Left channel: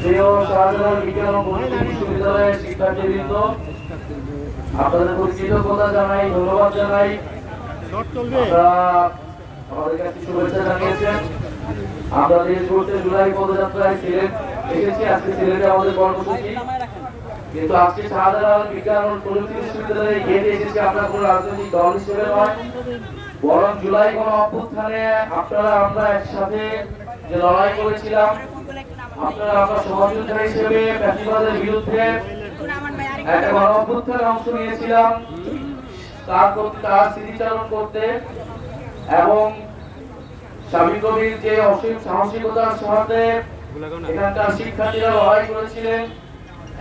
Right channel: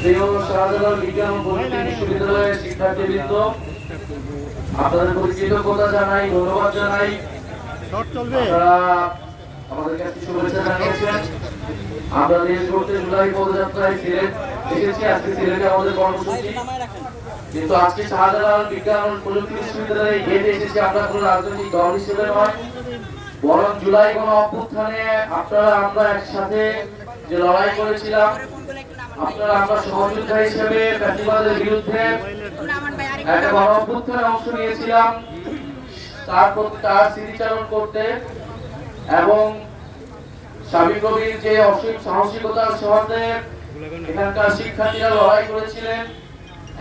প্রিয় শাহজালাল বিজ্ঞান ও প্রযুক্তি বিশ্ববিদ্যালয়ের শিক্ষার্থীবৃন্দ, আপনাদের প্রতি কৃতজ্ঞতা জানাই, ধন্যবাদ জানাই। আপনারা আমাদের কাছে শুভেচ্ছা জানিয়েছেন। আমরা দেশ গড়তে জুলাই পদযাত্রায় সিলেট এসেছি। আজকে সিলেটে আমাদের কর্মসূচি, কিন্তু আজকে শাহজালাল বিজ্ঞান ও প্রযুক্তি বিশ্ববিদ্যালয়ে গেটে এসেছি আমরা কোনো রাজনৈতিক দল হিসেবে নয়, বরং জুলাই গণ অভ্যুত্থানে আমরা একসাথে যে লড়াই করেছিলাম, আমরা সহযোদ্ধা হিসেবে ফ্যাসিবাদের বিরুদ্ধে একটা গণ অভ্যুত্থানে অংশ নিয়েছিলাম, তার স্মৃতিচারণ করতে এবং সাবির কবির যে অসীম সাহসিকতার সাথে এখানকার শিক্ষার্থীরা লড়াই করেছিলেন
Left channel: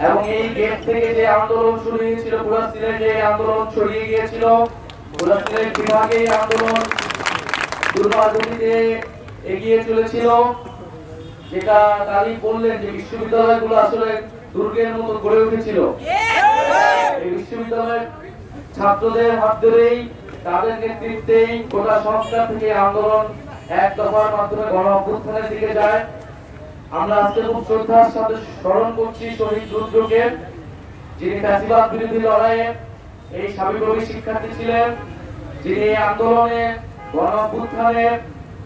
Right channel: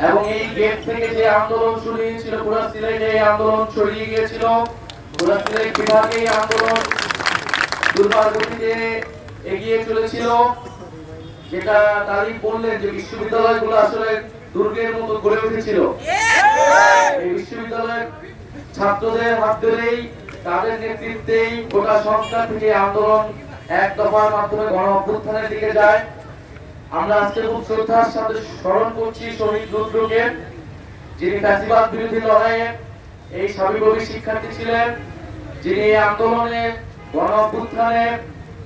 এবং এই গেট থেকে যে আন্দোলন শুরু হয়েছিল, পুরো সিলেটে এই আন্দোলন ছড়িয়ে গিয়েছিল। পুরো সিলেট বিভাগে এই আন্দোলন দুর্বার গতিতে এগিয়ে চলেছিল, যেটা তারই বললেন যে বিশ্ববিদ্যালয়গুলো আসলে দুর্গের মতো গড়ে উঠেছিল। এই বিশ্ববিদ্যালয়ের ছাত্রদের হাত ধরেই, তাদের নেতৃত্বেই গোটা সংস্থা থেকে আন্দোলন এক দফার মাধ্যমে গণ অভ্যুত্থানের দিকে যায়। আমরা আজকে খুব শ্রদ্ধার সাথে স্মরণ করছি শহীদ রুদ্রকে, যিনি ফ্যাসিবাদ বিরোধী লড়াইয়ে এই সাবিপ্রবী শিক্ষার্থী ছিলেন, যিনি এই আন্দোলনে গণ অভ্যুত্থানে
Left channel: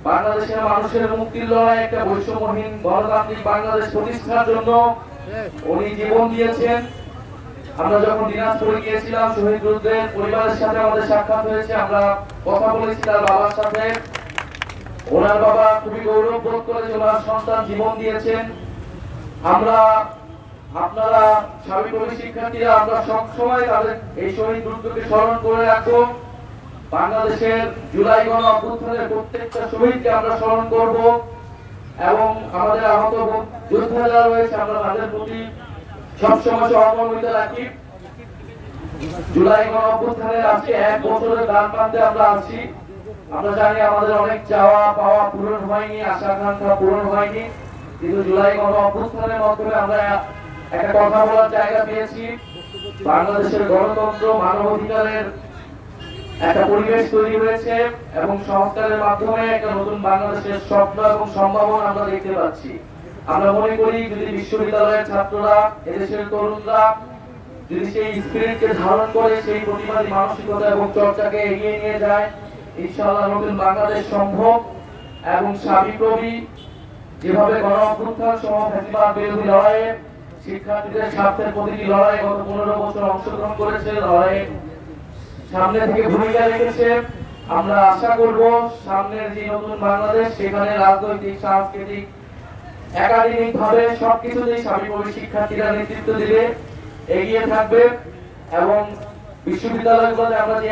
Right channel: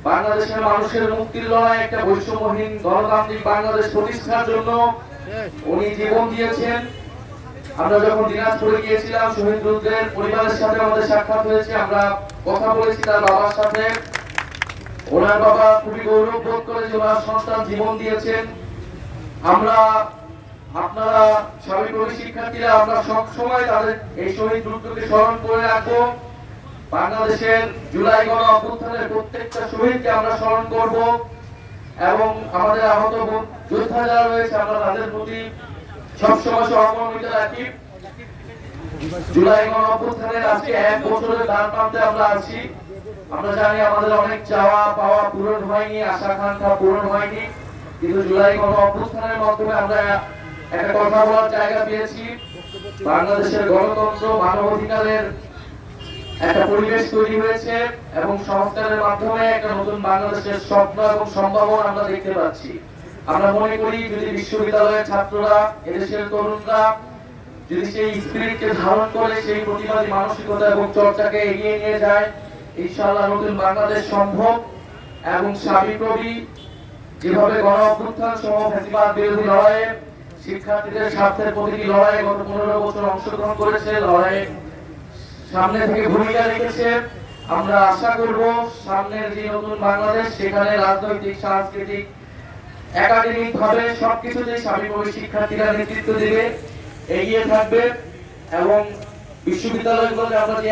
বাংলাদেশের মানুষের মুক্তির লড়াই, একটা বৈষম্যহীন গণতান্ত্রিক বাংলাদেশ প্রতিষ্ঠার জন্য উনি জীবন দিয়েছেন। আমরা যখন দিনাজপুরে গিয়েছিলাম, শহীদ রুদ্রের পরিবারের সাথে আমাদের সাক্ষাৎ হয়েছে, আমরা কথা বলেছি তার বাবার সাথে। ওনার বাবা খুবই গৌরব বোধ করে যে ওনার সন্তান জীবন দিয়েছেন। আপনারা সাবিপ্রবী শিক্ষার্থীরা আমরা সব সময় তাদের এই শহীদ রুদ্রকে স্মরণ করে রাখবো। বাংলাদেশের জুলাই গণ অভ্যুত্থানের প্রত্যেকটা শহীদকে আমরা স্মরণ করব এবং আমাদের আহত যোদ্ধা যারা রয়েছে আমরা তাদের প্রতি সবসময় সহমর্মিতা রাখি। জুলাই গণ অভ্যুত্থানের আজকে 1 বছরের দ্বার প্রান্তে আমরা আছি। আমরা জানি আমাদের অনেক চাওয়া পাওয়া পূরণ হয়নি, আশা আকাঙ্ক্ষা পূরণ হয়নি, কিন্তু জুলাই গণ অভ্যুত্থানের মাধ্যমে আমরা একটা কথা বলার জায়গা পেয়েছি। বাংলাদেশের গণতন্ত্র, মানবাধিকারের একটা পরিবেশ তৈরি হয়েছে এবং সংস্কারের মাধ্যমে একটা নতুন বাংলাদেশের স্বপ্ন এবং সম্ভাবনা আমরা দেখতে পাচ্ছি। আমরা মনে করি যদি বিশ্ববিদ্যালয়ের ছাত্ররা, এদেশের তরুণরা যদি সেই স্পিরিটকে ধারণ করে সেই প্রতিবাদী মানসিকতা এবং চর্চাকে এগিয়ে নিয়ে যায়, ইনশাআল্লাহ নতুন বাংলাদেশ সম্ভব। এবং সাবিপ্রবি যেভাবে গণ অভ্যুত্থান সহ ফ্যাসিবাদ বিরোধী লড়াইয়ে শিক্ষার্থীদের স্বার্থের প্রতিটি লড়াইয়ে গত 15 বছর অংশগ্রহণ করেছে, লড়াইয়ে সামনে থেকে ভূমিকা রেখেছে। আমরা আশা করব সামনের যে নতুন বাংলাদেশ, সেখানে রাজনৈতিক, সাংস্কৃতিক, একাডেমিক ভাবে সবকিছুতেই সাবিপ্রবি শিক্ষার্থীরা নেতৃত্ব দিবে, এগিয়ে থাকবে এবং বিশ্ববিদ্যালয়গুলোতে আমরা যে